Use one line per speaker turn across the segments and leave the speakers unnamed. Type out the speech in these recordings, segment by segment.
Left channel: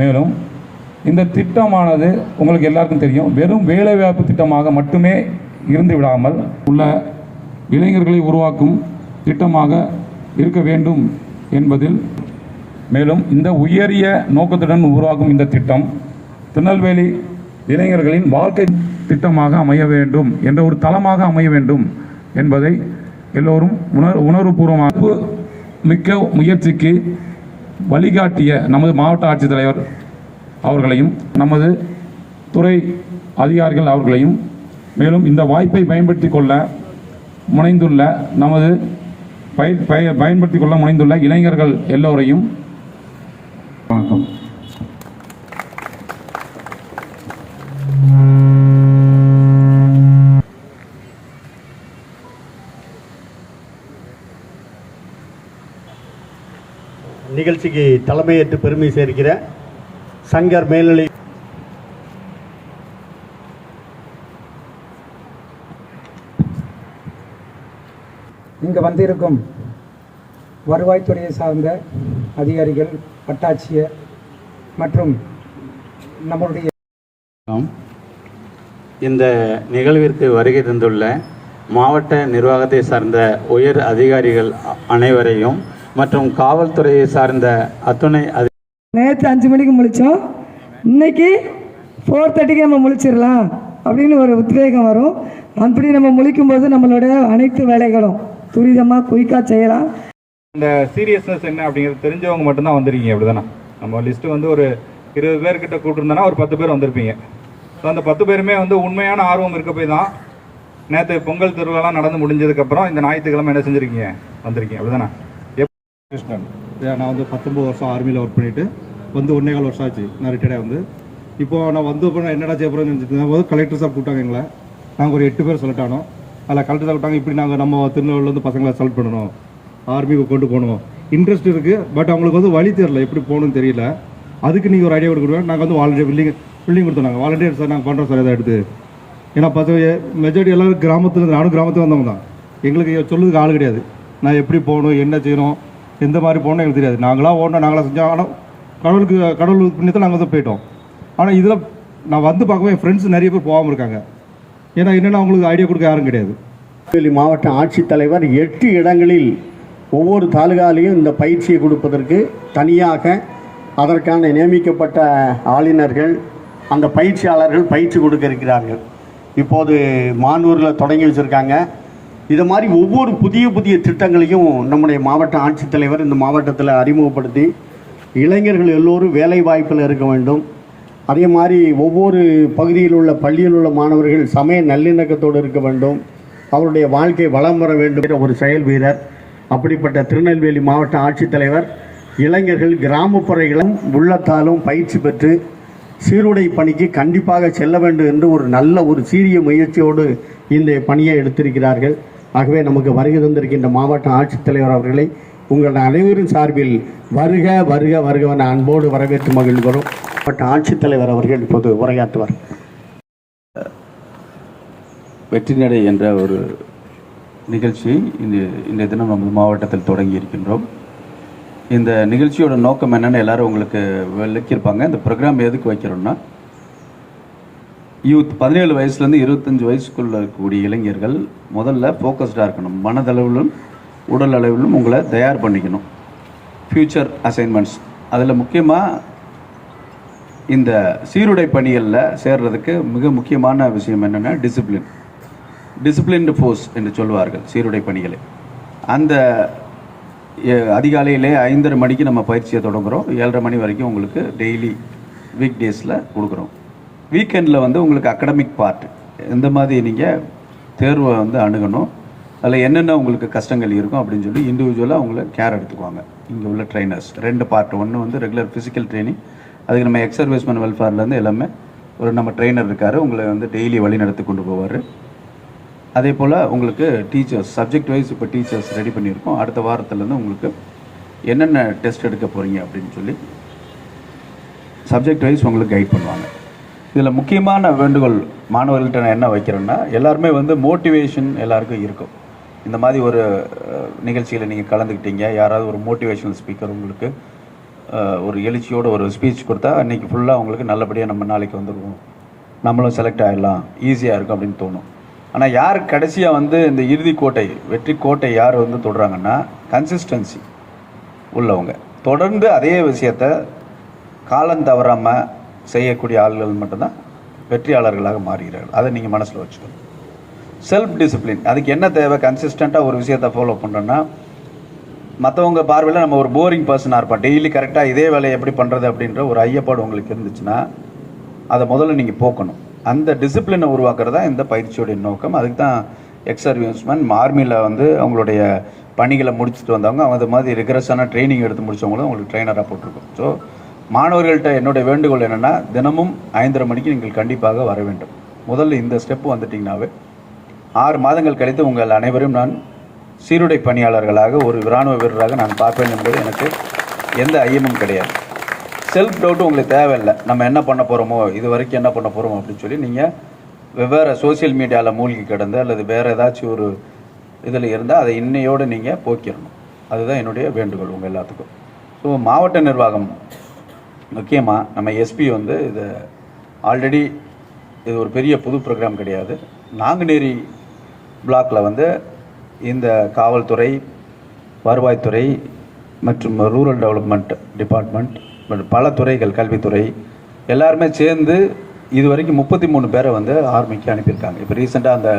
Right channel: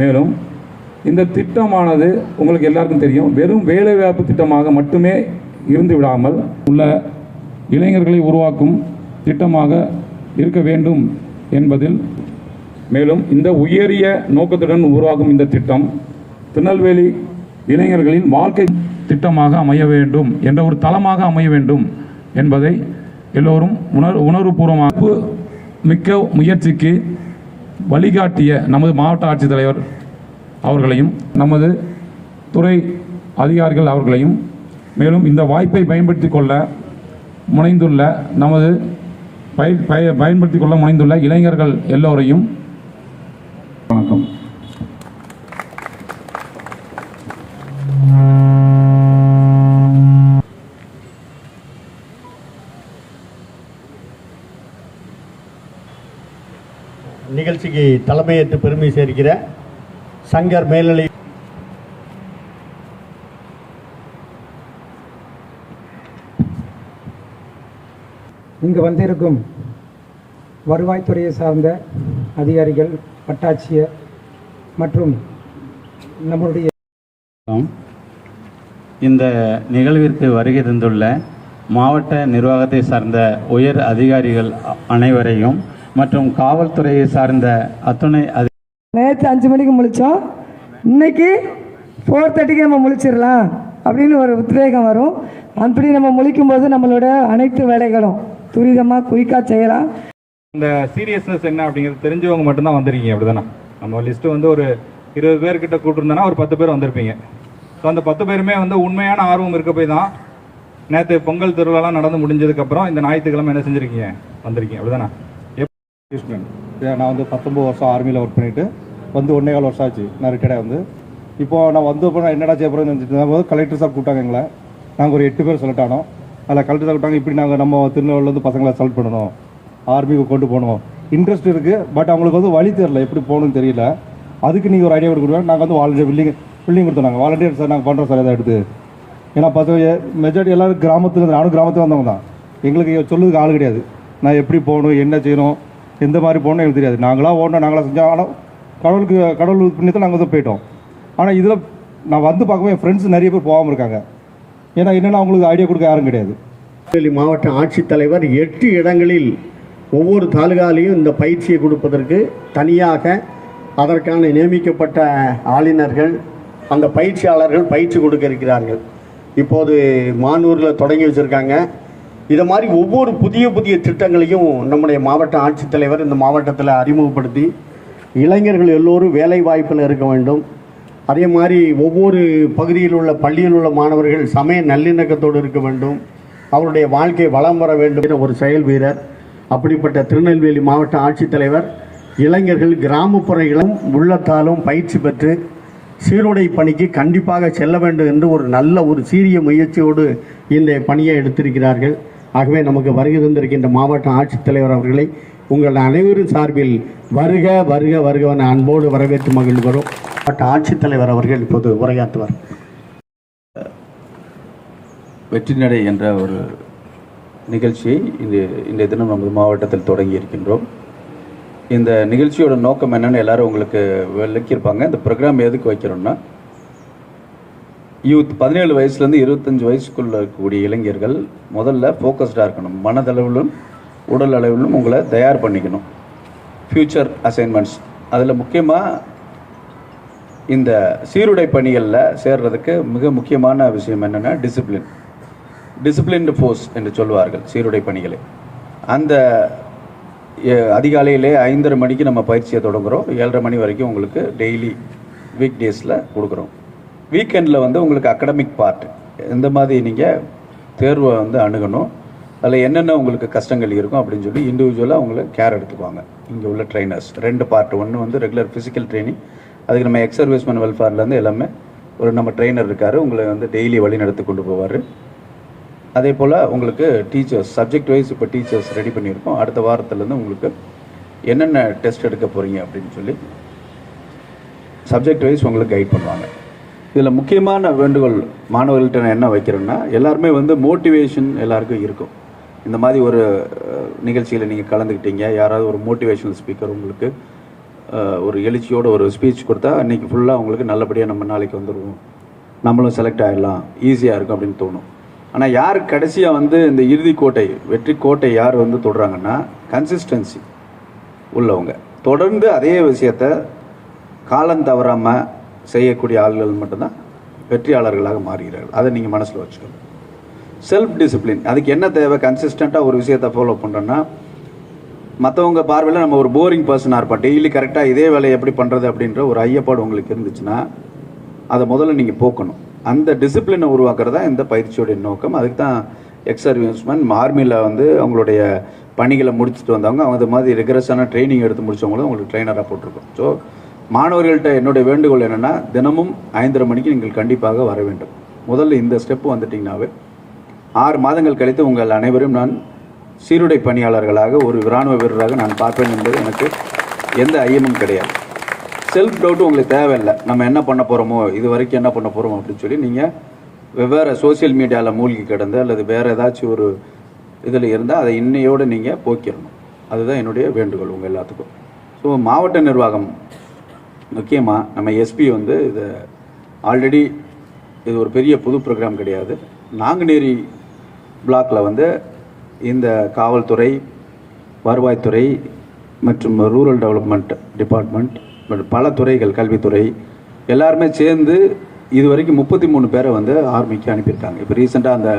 மேலும் இந்த திட்டமானது உங்களுக்கு எல்லாருக்கும் தெரியும். வெறும் வேலைவாய்ப்பு திட்டமாக மட்டுமே இருந்து விடாமல் உள்ள இளைஞர்களை உருவாக்கும் திட்டமாக இருக்க வேண்டும் என்பதில். மேலும் இந்த உயரிய நோக்கத்துடன் உருவாகும் இந்த திட்டம் திருநெல்வேலி இளைஞர்களின் வாழ்க்கை திட்டமாக அமைய வேண்டும் என்ற ஒரு தளமாக அமைய வேண்டும் என்பதை எல்லோரும் உணர் உணர்வுபூர்வமாக மிக்க முயற்சிக்கு வழிகாட்டிய நமது மாவட்ட ஆட்சித்தலைவர் அவர்களையும் நமது துறை அதிகாரிகள் அவர்களையும் மேலும் இந்த வாய்ப்பை பயன்படுத்திக் கொள்ள முனைந்துள்ள நமது பய- பய- பயன்படுத்திக் கொள்ள முனைந்துள்ள இளைஞர்கள் எல்லோரையும்
நிகழ்ச்சிக்கு தலைமையேற்று பெருமை சேர்க்கிற சங்கர் மேல்நிலை
இங்கு வந்திருக்கும் வருவாய்த்துறையை சார்ந்த அதிகாரிகள் வட்டாட்சியர் மற்றும் நம்மளுடைய
இந்த நிகழ்விற்கு வருகை தந்துள்ள மாவட்ட நிர்வாகத்தை சார்ந்த உயர் அதிகாரிகள் அ- அனைவரையும் மற்றும் காவல்துறையை சார்ந்த அத்துணை அதி
நேற்று அஞ்சு மணிக்கு முழிச்சோம். இன்னைக்கு ஃபோர் தேர்ட்டிக்கு நம்ம முழிச்சிடலாம் அப்படின்னு ஒரு உத்வேகம் வரும். அப்படி நம்ம முழிக்கும்போது நம்மளோட அனைத்து வேலைகளும் துரிதமாக குயிக்காக செய்யலாம்.
இந்த சீரியஸ்னஸ் என்ன அப்படிங்கிறது தெரிஞ்சவங்க மட்டும்தான் வந்திருக்கீங்க அப்படிதானே? நம்ம லிஸ்ட்டு வந்து ஒரு இருபது பேர்கிட்ட கூட்டிருந்தோன்னா ஒரு பத்து பேர் வந்திருப்பீங்க. ஸோ அந்த பத்து பேருமே வந்து உண்மையான ஆர்வம் இருக்க போய் தான் நேற்று பொங்கல் திருவிழாலாம் நடந்து முடிஞ்சதுக்கப்புறம் இந்த ஞாயிற்றுக்கிழமை என்ன செஞ்சுருக்கீங்க? வந்திருக்கீங்க அப்படிதானே?
கிருஷ்ணன் நான் வந்து பத்தொம்பது வருஷம் ஆர்மியில் ஒர்க் பண்ணிவிட்டு வந்து ஒன்றே கால் வருஷம் ஆச்சு. நான் ரிட்டையர்டாக வந்து. இப்போ நான் வந்து இப்போ என்னடா செய்ய போகிறேன்னு நினச்சிட்டு போது கலெக்டர் சார் கூப்பிட்டாங்க எங்களை. நாங்கள் ஒரு எட்டு பேர் செலக்ட் ஆனோம். அதில் கலெக்டர் சார் கூப்பிட்டாங்க இப்படி நாங்கள் நம்ம திருநெல்வேலிலேருந்து பசங்களை செலக்ட் பண்ணணும். ஆர்மிக்கு கொண்டு போகணும். இன்ட்ரெஸ்ட் இருக்குது பட் அவங்களுக்கு வந்து வழி தெரியல எப்படி போகணும்னு தெரியல. அதுக்கு நீங்கள் ஒரு ஐடியா கொடுக்குறோம் நாங்கள் வந்து வாலண்டியர் பில்டிங் பில்டிங் கொடுத்தோம் நாங்கள் வாலண்டியர் சார் நாங்கள் பண்ணுறோம் சார் இதை எடுத்து. ஏன்னா பசங்க மெஜாரிட்டி எல்லோரும் கிராமத்தில் நானும் கிராமத்துக்கு வந்தவங்க தான். எங்களுக்கு சொல்லுறதுக்கு ஆள் கிடையாது. நான் எப்படி போகணும் என்ன செய்யணும் எந்த மாதிரி போகணும் எனக்கு தெரியாது. நாங்களாம் ஓடணும் நாங்களாம் செஞ்சோம் ஆனால் கடவுளுக்கு கடவுள் புண்ணியத்தில் நாங்கள் வந்து போயிட்டோம். ஆனால் இதில் நான் வந்து பார்க்கவே என் ஃப்ரெண்ட்ஸ் நிறைய பேர் போகாமல் இருக்காங்க. ஏன்னா என்னென்னா அவங்களுக்கு ஐடியா கொடுக்க யாரும் கிடையாது.
திருநெல்வேலி மாவட்ட ஆட்சித்தலைவர் எட்டு இடங்களில் ஒவ்வொரு தாலுகாலையும் இந்த பயிற்சியை கொடுப்பதற்கு தனியாக அதற்கான நியமிக்கப்பட்ட ஆளுநர்கள் அந்த பயிற்சியாளர்கள் பயிற்சி கொடுக்க இருக்கிறார்கள். இப்போது மானூரில் தொடங்கி வச்சுருக்காங்க. இதை மாதிரி ஒவ்வொரு புதிய புதிய திட்டங்களையும் நம்முடைய மாவட்ட ஆட்சித்தலைவர் இந்த மாவட்டத்தில் அறிமுகப்படுத்தி இளைஞர்கள் எல்லோரும் வேலை வாய்ப்பில் இருக்க வேண்டும். அதே மாதிரி ஒவ்வொரு பகுதியில் உள்ள பள்ளியில் உள்ள மாணவர்கள் சமய நல்லிணக்கத்தோடு இருக்க வேண்டும். அவருடைய வாழ்க்கை வளம் வர வேண்டும் ஒரு செயல் வீரர். அப்படிப்பட்ட திருநெல்வேலி மாவட்ட ஆட்சித்தலைவர் இளைஞர்கள் கிராமப்புற இளம் உள்ளத்தாலும் பயிற்சி பெற்று சீருடை பணிக்கு கண்டிப்பாக செல்ல வேண்டும் என்று ஒரு நல்ல ஒரு சீரிய முயற்சியோடு இந்த பணியை எடுத்திருக்கிறார்கள். ஆகவே நமக்கு வருகை தந்திருக்கின்ற மாவட்ட ஆட்சித்தலைவர் அவர்களை உங்கள் அனைவரின் சார்பில் வருக வருக வருக அன்போடு வரவேற்று மகிழ்கிறோம். மாவட்ட ஆட்சித்தலைவர் அவர்கள் இப்போது உரையாற்றுவார்.
வெற்றிநடை என்ற ஒரு நிகழ்ச்சியை இந்த இந்த தினம் நமது மாவட்டத்தில் தொடங்கி இருக்கின்றோம். இந்த நிகழ்ச்சியோட நோக்கம் என்னென்னு எல்லாரும் உங்களுக்கு விளக்கியிருப்பாங்க. இந்த ப்ரோக்ராம் எதுக்கு வைக்கிறோம்னா யூத் பதினேழு வயசுலேருந்து இருபத்தஞ்சி வயசுக்குள்ள இருக்கக்கூடிய இளைஞர்கள் முதல்ல ஃபோக்கஸ்டாக இருக்கணும். மனதளவிலும் உடல் அளவிலும் உங்களை தயார் பண்ணிக்கணும். ஃப்யூச்சர் அசைன்மெண்ட்ஸ் அதில் முக்கியமாக இந்த சீருடை பணிகளில் சேர்றதுக்கு மிக முக்கியமான விஷயம் என்னென்னா டிசிப்ளின் டிசிப்ளின்டு ஃபோர்ஸ் என்று சொல்வார்கள் சீருடை பணிகளை. அந்த அதிகாலையிலே ஐந்தரை மணிக்கு நம்ம பயிற்சியை தொடங்குறோம். ஏழரை மணி வரைக்கும் உங்களுக்கு டெய்லி வீக் டேஸில் கொடுக்குறோம். வீக்கெண்டில் வந்து உங்களுக்கு அகடமிக் பார்ட் இந்த மாதிரி நீங்கள் தேர்வை வந்து அணுகணும். அதில் என்னென்ன உங்களுக்கு கஷ்டங்கள் இருக்கும் அப்படின்னு சொல்லி இண்டிவிஜுவலாக அவங்கள கேர் எடுத்துக்குவாங்க. இங்கே உள்ள ட்ரைனர்ஸ் ரெண்டு பார்ட் ஒன்று வந்து ரெகுலர் ஃபிசிக்கல் ட்ரைனிங் அதுக்கு நம்ம எக்ஸ் சர்வீஸ்மேன் வெல்ஃபேர்லேருந்து எல்லாமே ஒரு நம்ம ட்ரெயினர் இருக்கார். உங்களை வந்து டெய்லி வழி நடத்தி கொண்டு போவார். அதே போல் உங்களுக்கு டீச்சர்ஸ் சப்ஜெக்ட் வைஸ் இப்போ டீச்சர்ஸ் ரெடி பண்ணியிருக்கோம். அடுத்த வாரத்துலேருந்து உங்களுக்கு என்னென்ன டெஸ்ட் எடுக்க போகிறீங்க அப்படின்னு சொல்லி சப்ஜெக்ட் வைஸ் உங்களுக்கு கைட் பண்ணுவாங்க. இதில் முக்கியமான வேண்டுகோள் மாணவர்கள்ட்ட நான் என்ன வைக்கிறேன்னா எல்லாருமே வந்து மோட்டிவேஷன் எல்லாருக்கும் இருக்கும். இந்த மாதிரி ஒரு நிகழ்ச்சியில் நீங்கள் கலந்துக்கிட்டீங்க. யாராவது ஒரு மோட்டிவேஷனல் ஸ்பீக்கர் உங்களுக்கு ஒரு எழுச்சியோட ஒரு ஸ்பீச் கொடுத்தா அன்னைக்கு ஃபுல்லாக உங்களுக்கு நல்லபடியாக நம்ம நாளைக்கு வந்துடுவோம் நம்மளும் செலக்ட் ஆகிடலாம் ஈஸியாக இருக்கும் அப்படின்னு தோணும். ஆனால் யார் கடைசியாக வந்து இந்த இறுதி கோட்டை வெற்றி கோட்டை யார் வந்து தொடுறாங்கன்னா கன்சிஸ்டன்சி உள்ளவங்க. தொடர்ந்து அதே விஷயத்த காலம் தவறாமல் செய்யக்கூடிய ஆள்கள் மட்டும்தான் வெற்றியாளர்களாக மாறுகிறார்கள். அதை நீங்கள் மனசில் வச்சுக்கணும். செல்ஃப் டிசிப்ளின் அதுக்கு என்ன தேவை? கன்சிஸ்டண்ட்டாக ஒரு விஷயத்தை ஃபாலோ பண்ணுறோன்னா மற்றவங்க பார்வையில் நம்ம ஒரு போரிங் பர்சனாக இருப்போம். டெய்லி கரெக்டாக இதே வேலையை எப்படி பண்ணுறது அப்படின்ற ஒரு ஐயப்பாடு உங்களுக்கு இருந்துச்சுன்னா அதை முதல்ல நீங்கள் போக்கணும். அந்த டிசிப்ளினை உருவாக்குறதா இந்த பயிற்சியோடைய நோக்கம். அதுக்கு தான் எக்ஸர்வியன்ஸ்மேன் ஆர்மியில் வந்து அவங்களுடைய பணிகளை முடிச்சுட்டு வந்தவங்க அவங்க அது மாதிரி ரிகரஸான ட்ரைனிங் எடுத்து முடிச்சவங்களும் அவங்களுக்கு ட்ரைனராக போட்டிருக்கோம். ஸோ மாணவர்கள்ட்ட என்னுடைய வேண்டுகோள் என்னென்னா தினமும் ஐந்தரை மணிக்கு நீங்கள் கண்டிப்பாக வர வேண்டும். முதல்ல இந்த ஸ்டெப்பு வந்துட்டிங்கனாவே ஆறு மாதங்கள் கழித்து உங்கள் அனைவரும் நான் சீருடை பணியாளர்களாக ஒரு இராணுவ வீரராக நான் பார்ப்பேன் என்பது எனக்கு எந்த ஐயமும் கிடையாது. செல்ஃப் டவுட் உங்களுக்கு தேவையில்லை. நம்ம என்ன பண்ண போகிறோமோ இது வரைக்கும் என்ன பண்ண போகிறோமோ அப்படின்னு சொல்லி நீங்கள் வெவ்வேறு சோஷியல் மீடியாவில் மூழ்கி கிடந்து அல்லது வேறு ஏதாச்சும் ஒரு இதில் இருந்தால் அதை இன்னையோடு நீங்கள் போக்கிடணும் அதுதான் என்னுடைய வேண்டுகோள் உங்கள் எல்லாத்துக்கும். ஸோ மாவட்ட நிர்வாகம் முக்கியமாக நம்ம எஸ்பி வந்து இதை ஆல்ரெடி இது ஒரு பெரிய புது ப்ரோக்ராம் கிடையாது. நாங்குநேரி பிளாக்கில் வந்து இந்த காவல்துறை வருவாய்த்துறை மற்றும் ரூரல் டெவலப்மெண்ட் டிபார்ட்மெண்ட் மற்றும் பல துறைகள் கல்வித்துறை எல்லாருமே சேர்ந்து இது வரைக்கும் முப்பத்தி மூணு பேரை வந்து ஆர்மிக்கு அனுப்பியிருக்காங்க. இப்போ ரீசெண்டாக அந்த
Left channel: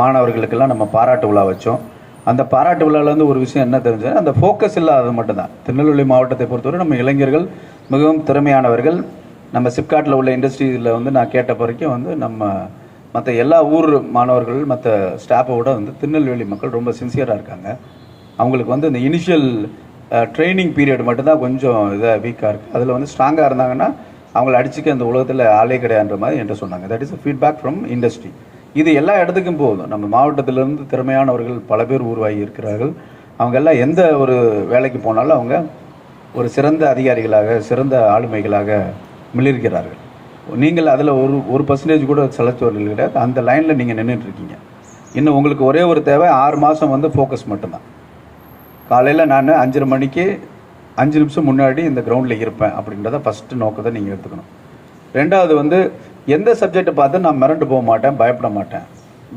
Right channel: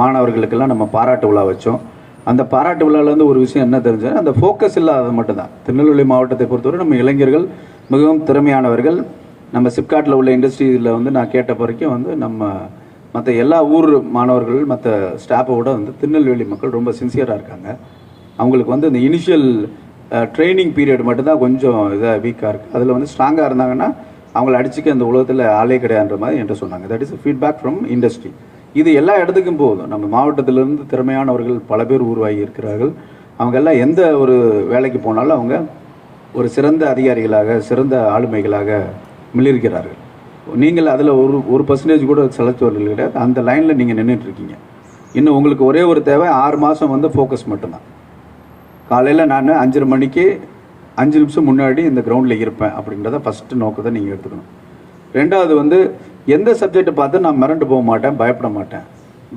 மாணவர்களுக்கெல்லாம் நம்ம பாராட்டு விழா வச்சோம். அந்த பாராட்டு விழாவிலேருந்து ஒரு விஷயம் என்ன தெரிஞ்சதுன்னா அந்த ஃபோக்கஸ் இல்லாதது மட்டும்தான். திருநெல்வேலி மாவட்டத்தை பொறுத்தவரை நம்ம இளைஞர்கள் மிகவும் திறமையானவர்கள். நம்ம சிப்காட்டில் உள்ள இண்டஸ்ட்ரியில் வந்து நான் கேட்ட வரைக்கும் வந்து நம்ம மற்ற எல்லா ஊர் மாணவர்கள் மற்ற ஸ்டாஃபை விட வந்து திருநெல்வேலி மக்கள் ரொம்ப சின்சியராக இருக்காங்க. அவங்களுக்கு வந்து இந்த இனிஷியல் ட்ரைனிங் பீரியட் மட்டும்தான் கொஞ்சம் இதாக வீக்காக இருக்குது அதில் வந்து ஸ்ட்ராங்காக இருந்தாங்கன்னா அவங்கள அடிச்சுக்க அந்த உலகத்தில் ஆளே கிடையாதுன்ற மாதிரி என்று சொன்னாங்க. That is feedback from industry இது எல்லா இடத்துக்கும் போதும். நம்ம மாவட்டத்திலிருந்து திறமையானவர்கள் பல பேர் உருவாகி இருக்கிறார்கள். அவங்க எல்லாம் எந்த ஒரு வேலைக்கு போனாலும் அவங்க ஒரு சிறந்த அதிகாரிகளாக சிறந்த ஆளுமைகளாக மிளிர்கிறார்கள். நீங்கள் அதில் ஒரு ஒரு பர்சன்டேஜ் கூட செலுத்துவர்கள் கிடையாது. அந்த லைனில் நீங்கள் நின்றுட்டுருக்கீங்க இன்னும் உங்களுக்கு ஒரே ஒரு தேவை ஆறு மாதம் வந்து ஃபோக்கஸ் மட்டும்தான். காலையில் நான் அஞ்சரை மணிக்கு அஞ்சு நிமிஷம் முன்னாடி இந்த கிரவுண்டில் இருப்பேன் அப்படின்றத ஃபஸ்ட்டு நோக்கத்தை நீங்கள் எடுத்துக்கணும். ரெண்டாவது வந்து எந்த சப்ஜெக்டை பார்த்து நான் மிரண்டு போக மாட்டேன் பயப்பட மாட்டேன்.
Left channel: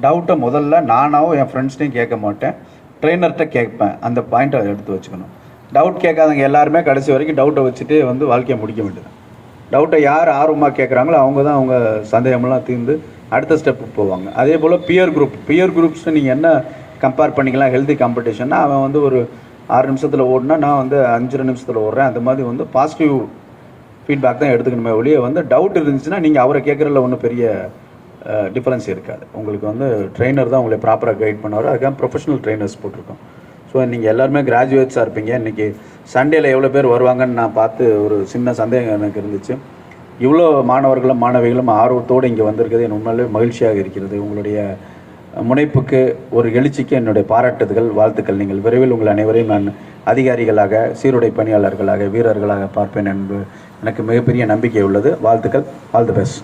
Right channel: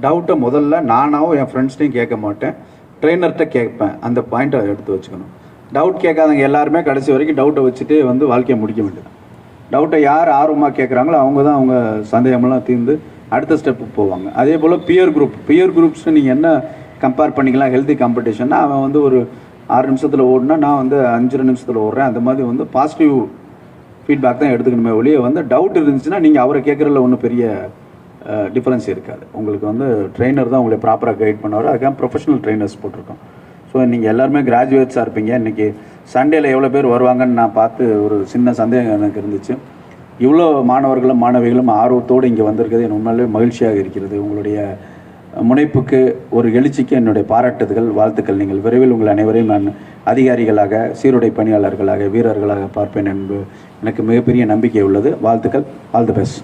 டவுட்டை முதல்ல நானாகவும் என் ஃப்ரெண்ட்ஸ்டையும் கேட்க மாட்டேன். ட்ரெயினர்கிட்ட கேட்பேன். அந்த பாயிண்ட்டை எடுத்து வச்சுக்கணும். டவுட் கேட்காதவங்க எல்லாருமே கடைசி வரைக்கும் டவுட்டை வச்சுட்டே வந்து வாழ்க்கையை முடிக்க வேண்டியது. டவுட்டை யார் ஆர்வமாக கேட்குறாங்களோ அவங்க தான் அவங்க சந்தேகமெல்லாம் தீர்ந்து அடுத்த ஸ்டெப்புக்கு போவாங்க. அதே போல் பியர் குரூப் பியர் குரூப்ஸ் நீங்கள் என்ன கம்பேர் பண்ணிக்கலாம்? ஹெல்தி காம்படிஷன்னா அவன் வந்து ஒரு ஆறு நிமிஷத்தில் ஓடினா நான் வந்து அஞ்சரை நிமிஷத்தில் ஓடுறேன். அந்த மாதிரி வந்து பாசிட்டிவ் ஃபீட்பேக் தான் எடுத்துக்கணுமே ஒழிய வந்து டவுட் இருந்துச்சுன்னா நீங்கள் அவரை கேட்குறதுல ஒன்றும் பெரிய டிஃப்ரென்ஸ் இருக்காது. உங்களுக்கு வந்து ட்ரெயினர் தான் உங்களை ப்ராப்பராக கைட் பண்ணுவார். அதுக்காக ப்ரொஃபஷனல் ட்ரெயினர்ஸ் போட்டிருக்கோம். ஸோ நீங்கள் எல்லாருமே கிராஜுவேட்ஸாக இருப்பீங்க. இன்றைக்கி சண்டேல எவ்வளோ பேர் வருவாங்கன்னு நான் பார்த்து ஒரு சின்ன சந்தேகம் எனக்கு இருந்துச்சு. இவ்வளோ மாணவர்களும் மாணவிகளும் ஆர்வத்தோடு இங்கே வந்திருக்கிறது என் உண்மையிலே மகிழ்ச்சியாக இருக்கிறது. உங்களுடைய முனைப்புக்கு ஒரு எழுச்சிக்கு என்னுடைய பாராட்டுதல்கள் வாழ்த்துக்கள். நீங்கள் விரைவில் உங்கள் அனைவரையும் நான் அதிகாரிகளாக சீருடை பணியாளர்களாக வீரர்களாக பார்ப்பேன் என்பது எனக்கு மிகப்பெரிய நம்பிக்கை உள்ளது. வாழ்த்துக்கள். All the best